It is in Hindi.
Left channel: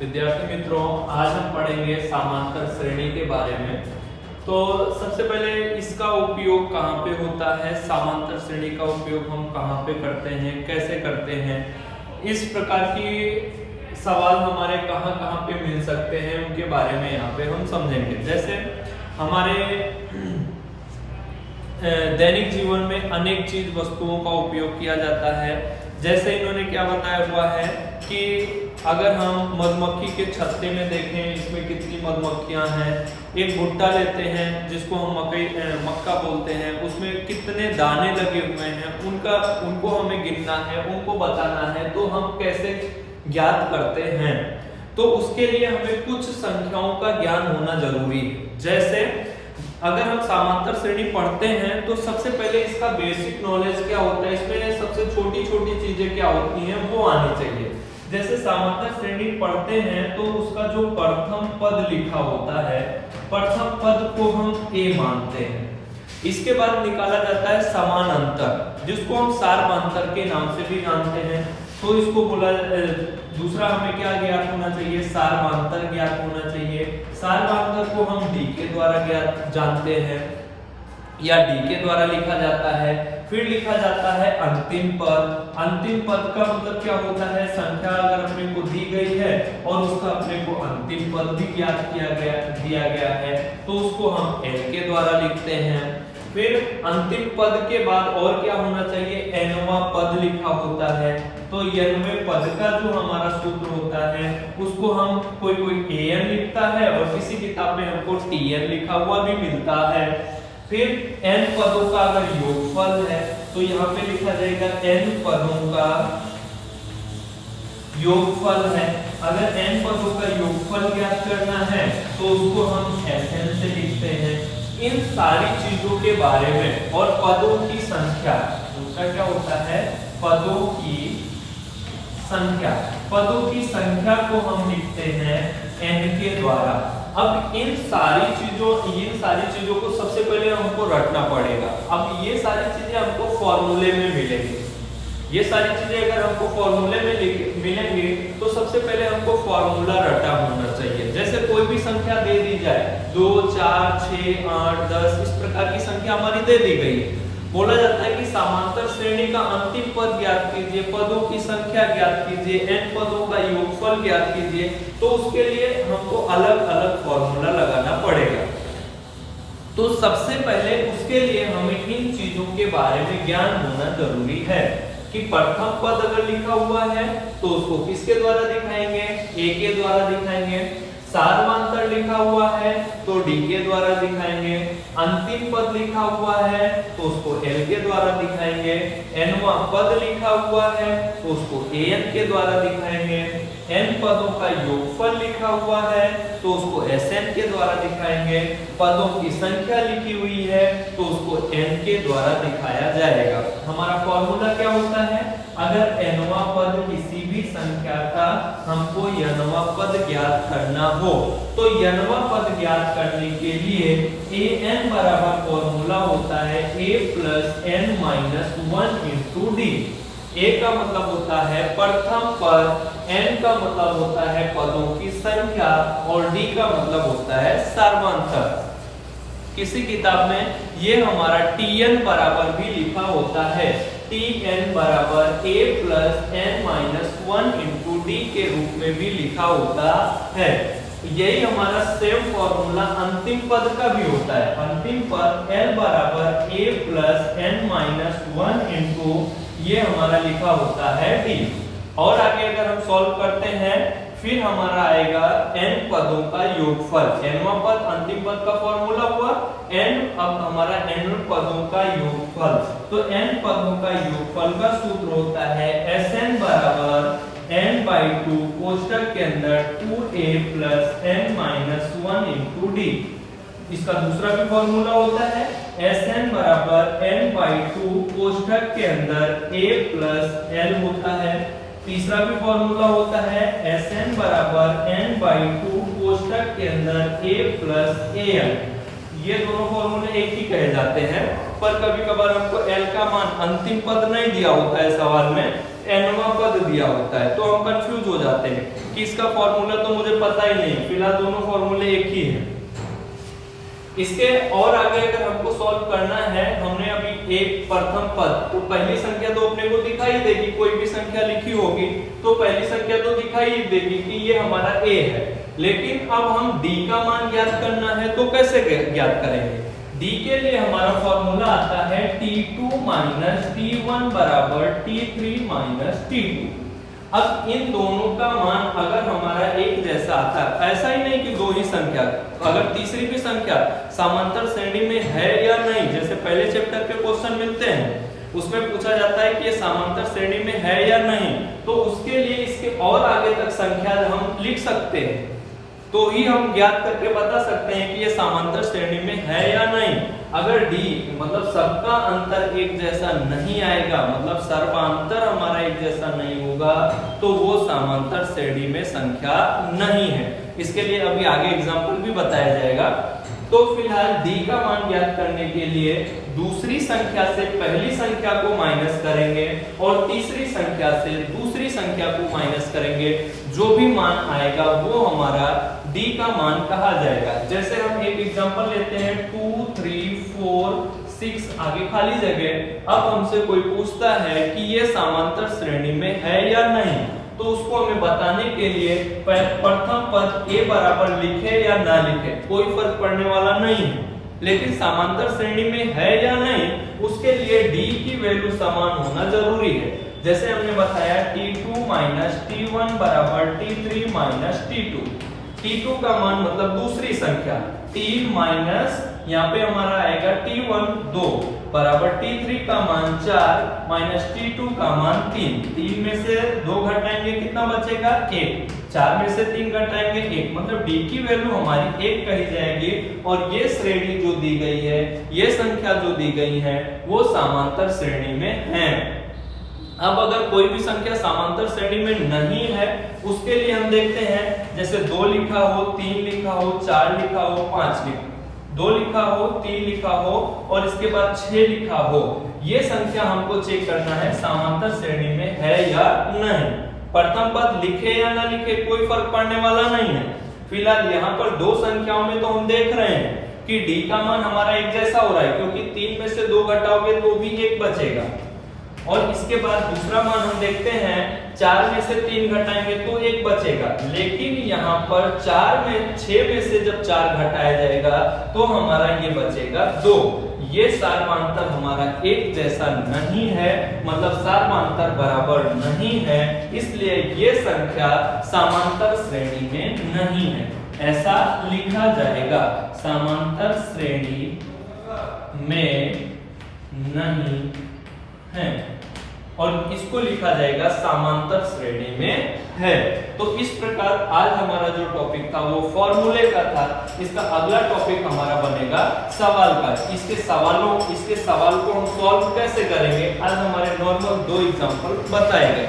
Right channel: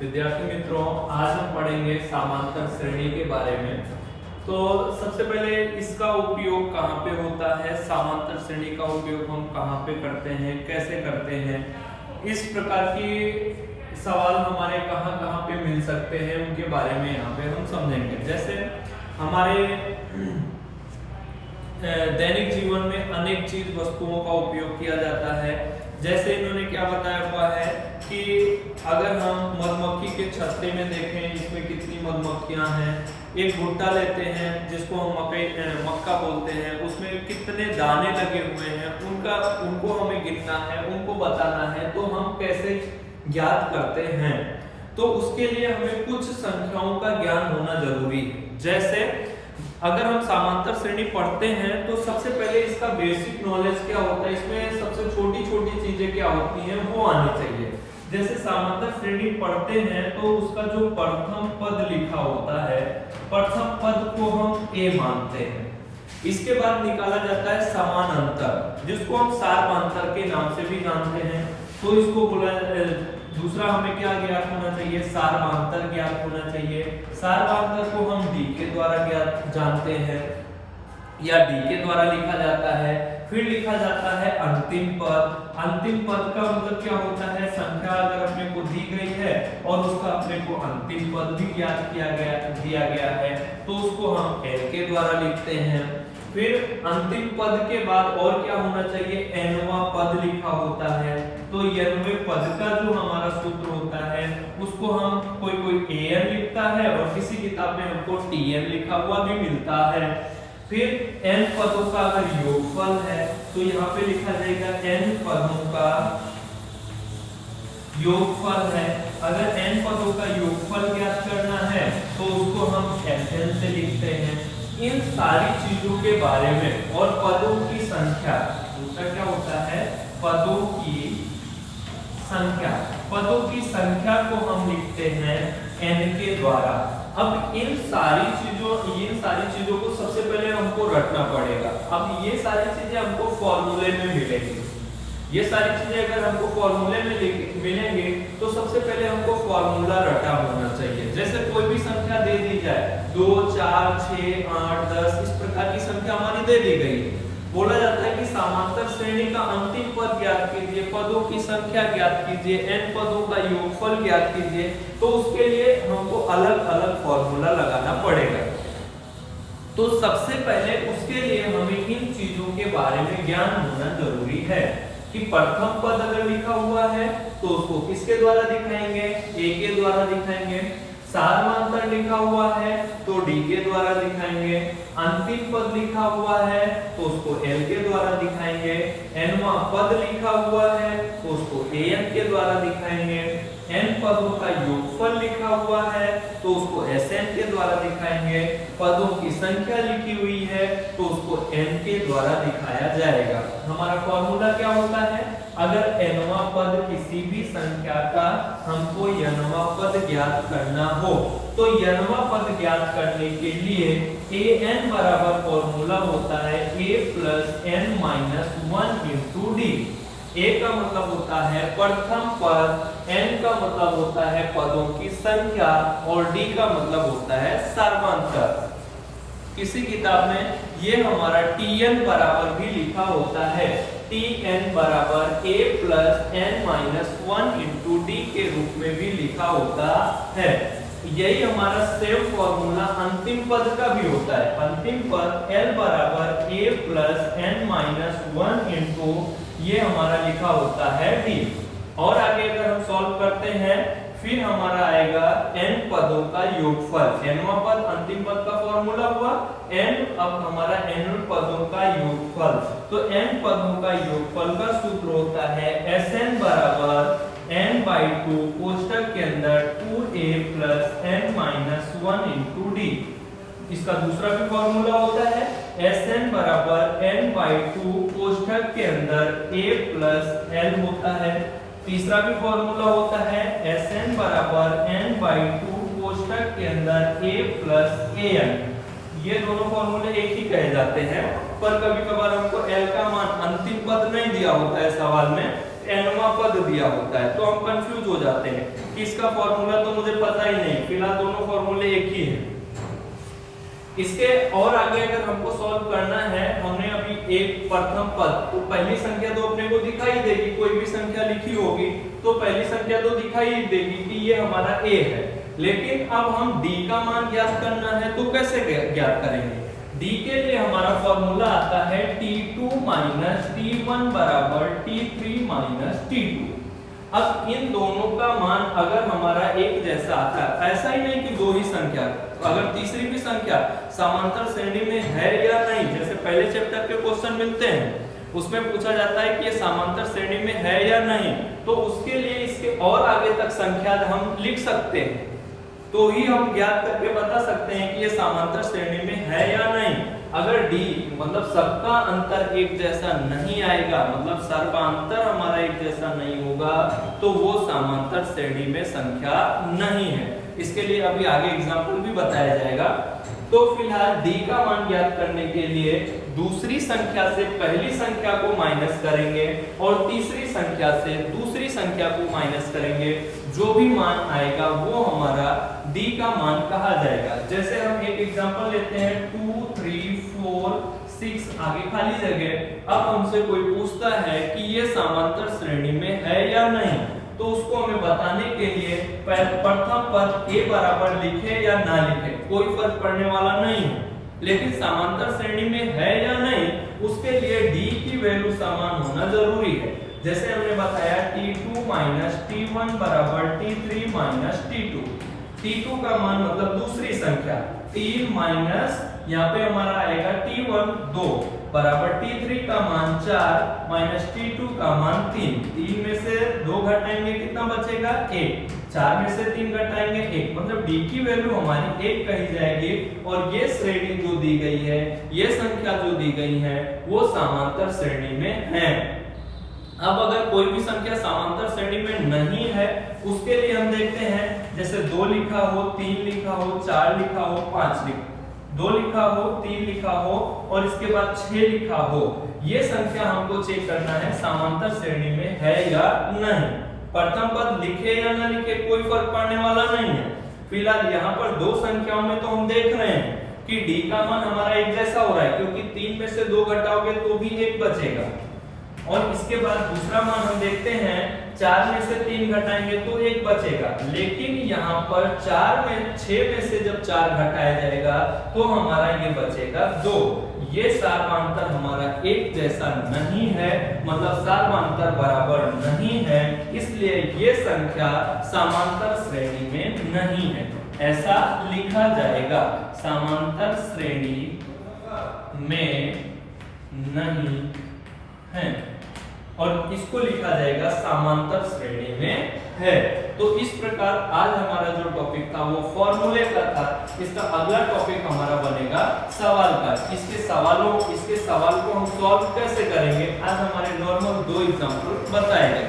विद्यार्थी मित्रों, आज हम पढ़ेंगे समांतर श्रेणी के बारे में। तो सबसे पहले इसका उपयोग कहाँ पे होता है, समांतर श्रेणी का उपयोग हम कहाँ पे करते हैं, कैसे करते हैं, इस प्रकार की सवाल हमारे कहाँ कहाँ पे मिल सकते हैं उनके बारे में यहाँ पे हम समझेंगे। जैसे हमारे दैनिक जीवन में अनेक चीज वस्तुओं का उपयोग किया जाता है। जैसे इन्होंने क्या बताया हुआ है कि अगर हम मधुमक्खी के छत्ते में देखें, इसमें कितनी मधुमक्खियां हैं। एक भुट्टा लेते हैं जिसको हम मक्का बोलते हैं, उसमें कितने दाने लगे हुए हैं, उनको हमें गिनना है, उनको बताना है। तो हम कैसे ज्ञात करते हैं, तो उसके लिए हमें कुछ संख्याओं का ज्ञान होना जरूरी है। जैसे अगर हम समांतर श्रेणी पढ़ते हैं तो सबसे पहले इसका बेसिक नॉलेज क्या होता है, इसमें सबसे छोटी छोटी चीजें क्या होती हैं वो आनी चाहिए। जैसे समांतर श्रेणी पढ़ते हैं तो उसका जो प्रथम पद लिखा होता है, प्रथम पद को हम ए मानते हैं। इसके बाद निकाला जाता है समानांतर, जिसको हम सार्वमांतर के नाम से भी जानते हैं। तो इसको बोला, दूसरा हमें क्या ज्ञात होना चाहिए, सार्वमांतर ज्ञात होना चाहिए। सार्वमांतर को हम डी के द्वारा ज्ञात जानते हैं या डी के द्वारा लिखा जाता है। फिर लिखा जाता है अंतिम पद। अंतिम पद का मतलब क्या होता है, संख्या अगर अपने को दी गई है और उसका अपने को अंतिम पद भी ज्ञात दिया गया है तो उसको हम एल के द्वारा लिखते हैं। फिर अंतिम पद के बाद और क्या होना चाहिए, एनवा पद लिखा होता है। तो एनवें पद का जो हमारा सूत्र होता है उसको हम कोई एन लिखता है और किसी किताब में हमको टीएन लिखा हुआ भी मिलता है। फिर एन पदों का अगर योगफल है तो यहाँ पे लिखा जाएगा एन पदों का योगफल है। अगर एन पदों का योगफल ज्ञात करना है तो उसको हम एन से लिखते हैं। इन सारी चीजों के बारे में और पदों की संख्या, दूसरा क्या होता है, पदों की संख्या। पदों की संख्या को हम लिखते हैं n के द्वारा। अब इन सारी चीजों को सबसे पहले हमको रटना पड़ेगा। अब ये सारी चीजें हमको फॉर्मूले में मिलेंगी। ये सारी चीजें अगर हमको फॉर्मूले में मिलेंगे तो सबसे पहले हमको फॉर्मूला रटा होना चाहिए। जैसे कोई भी संख्या दे दी जाए, 2, 4, 6, 8, 10, इस प्रकार की संख्या हमारी दे दी गई। बोला जाता है कि समांतर श्रेणी का अंतिम पद ज्ञात कीजिए, पदों की संख्या ज्ञात कीजिए, n पदों का योगफल ज्ञात कीजिए। तो उसके लिए हमको अलग अलग फॉर्मूला लगाना पड़ेगा। तो सबसे पहले उसके लिए हमें इन चीजों के बारे में ज्ञान होना जरूरी है कि प्रथम पद अगर लिखा हुआ है तो उसको किसके द्वारा दिखाएंगे, ए के द्वारा दिखाएंगे। सार्वमांतर लिखा हुआ है तो डी के द्वारा दिखाएंगे। अंतिम पद लिखा हुआ है तो उसको एल के द्वारा दिखाएंगे। एनवा पद लिखा हुआ है तो उसको एन के द्वारा दिखाएंगे। एन पदों का योगफल लिखा हुआ है तो उसको एसएन के द्वारा दिखाएंगे। पदों की संख्या लिखी हुई है तो उसको एन के द्वारा दिखाया जाएगा। हमारा फॉर्मूला क्या होता है, अगर एनवा पद किसी भी संख्या का हमको एनवा पद ज्ञात करना हो तो एनवा पद ज्ञात करने के लिए एन बराबर फॉर्मूला होता है a plus n minus 1 into D. A का मतलब होता है प्रथम पद, n का मतलब होता है पदों की संख्या और d का मतलब होता है सार्वमांतर। किसी किताब में ये हमारा tn बराबर भी लिखा होता है, tn बराबर a plus n minus 1 into D के रूप में भी लिखा होता है। यही हमारा सेम फॉर्मूला अंतिम पद का भी होता है। अंतिम पद l बराबर a plus n minus 1 into ये हमारा लिखा होता है d। और आगे अगर हम सॉल्व करते हैं फिर हमारा आएगा n पदों का योगफल। nवां पद अंतिम पद का फॉर्मूला हुआ n, अब हमारा n पदों का योगफल। तो n पदों का योगफल का सूत्र होता है Sn बराबर n/2 कोष्टक के अंदर 2a plus n minus 1 into D. इसका दूसरा भी फॉर्मूला होता है Sn बराबर n/2 कोष्टक के अंदर a प्लस l होता है। तीसरा भी फॉर्मूला होता है Sn बराबर n/2 कोष्टक के अंदर a प्लस al। ये दोनों फॉर्मूले एक ही कहे जाते हैं, पर कभी कभार हमको l का मान अंतिम पद नहीं दिया होता है सवाल में, nवां पद दिया होता है तो हम कंफ्यूज हो जाते हैं कि इसका फॉर्मूला तो मुझे पता ही नहीं, फिलहाल दोनों फॉर्मूले एक ही हैं। इसके और आगे अगर हमको सॉल्व करना है, हमने अभी एक प्रथम पद, तो पहली संख्या तो अपने को दिखाई देगी, कोई भी संख्या लिखी होगी तो पहली संख्या तो दिखाई देगी कि ये हमारा a है। लेकिन अब हम d का मान ज्ञात करना है तो कैसे ज्ञात करेंगे? d के लिए हमारा फॉर्मूला आता है t2 माइनस t1 बराबर t3 माइनस t2। अब इन दोनों का मान अगर हमारा एक जैसा आता है, ऐसा ही नहीं कि दो ही संख्या, अगर तीसरी भी संख्या समांतर श्रेणी में है या नहीं, जैसे पहले चैप्टर के क्वेश्चन मिलते हैं उसमें पूछा जाता है कि ये समांतर श्रेणी में है या नहीं, तो उसके लिए इसके और आगे तक संख्या हम लिख सकते हैं, तो ही हम ज्ञात करके बता सकते हैं कि ये समांतर श्रेणी में है या नहीं। अगर d मतलब सबका अंतर एक जैसा नहीं आएगा, मतलब सर्वांतर हमारा एक जैसा नहीं होगा, तो वो समांतर श्रेणी में संख्या नहीं है। इसके लिए अभी आगे एग्जांपल भी बताया जाएगा। तो फिलहाल d का मान ज्ञात करने के लिए दूसरी संख्या से पहली संख्या को माइनस करेंगे और तीसरी संख्या से दूसरी संख्या को माइनस करेंगे, जो भी मान आएगा वो हमारा d का मान कहा जाएगा। जैसे हम एक एग्जांपल लेते हैं 2 3 4 6 आगे खाली जगह। अब हमसे कोई पूछता है कि ये समांतर श्रेणी में है या नहीं, तो उसको हमें बताने के लिए प्रथम पद a बराबर लिखे या ना लिखे कोई फर्क पड़ने वाला नहीं है, लेकिन समांतर श्रेणी में है या नहीं उसके लिए d की वैल्यू समान होना जरूरी है। जैसे हमने बताया t2 माइनस t1 बराबर t3 माइनस t2। t2 का मान मतलब दूसरी संख्या, 3 माइनस यहाँ पे हमारा आएगा t1 2 बराबर t3 का मान 4 माइनस t2 का मान 3। 3 में से 2 घटाएंगे कितना बचेगा 1, 4 में से 3 घटाएंगे 1, मतलब d की वैल्यू हमारी 1 कही जाएगी। और ये श्रेणी जो दी गई है, ये संख्या जो दी गई है वो समांतर श्रेणी में है। अब अगर कोई भी संख्या समांतर श्रेणी में नहीं है उसके लिए हम देखते हैं, जैसे 2 लिखा हो, 3 लिखा हो, 4 लिखा हो, 5 लिखा, 2 लिखा हो, 3 लिखा हो और इसके बाद 6 लिखा हो, ये संख्या हमको चेक करना है समांतर श्रेणी में है या नहीं। प्रथम पद लिखे या ना लिखे कोई फर्क पड़ने वाला नहीं है। फिलहाल यहाँ पर दो संख्याओं में तो हम देख रहे हैं कि d का मान हमारा एक जैसा हो रहा है, क्योंकि 3 में से 2 घटाओगे तो भी 1 बचेगा। और इसके बाद दूसरा मान हम देखते हैं, 4 में से 3 घटाएंगे तो 1 बचेगा, लेकिन यहाँ पर 6 में से जब 4 घटाया जाएगा तो हमारा ये बचेगा 2। ये सर्वांतर हमारा एक जैसा नहीं है, मतलब सर्वांतर बराबर नहीं है, इसलिए ये संख्या समांतर श्रेणी में नहीं है, ऐसा लिखा जाएगा। समांतर श्रेणी में नहीं है और इसको लिखा जाएगा समांतर श्रेणी में है। तो इस प्रकार आज हमारा जो टॉपिक था वो फॉर्मूले का था। इसका अगला टॉपिक हमारा बनेगा सवाल का। इसके सवाल को हम सॉल्व कैसे करेंगे, आज हमारे नॉर्मल 2 एग्जांपल बताए गए।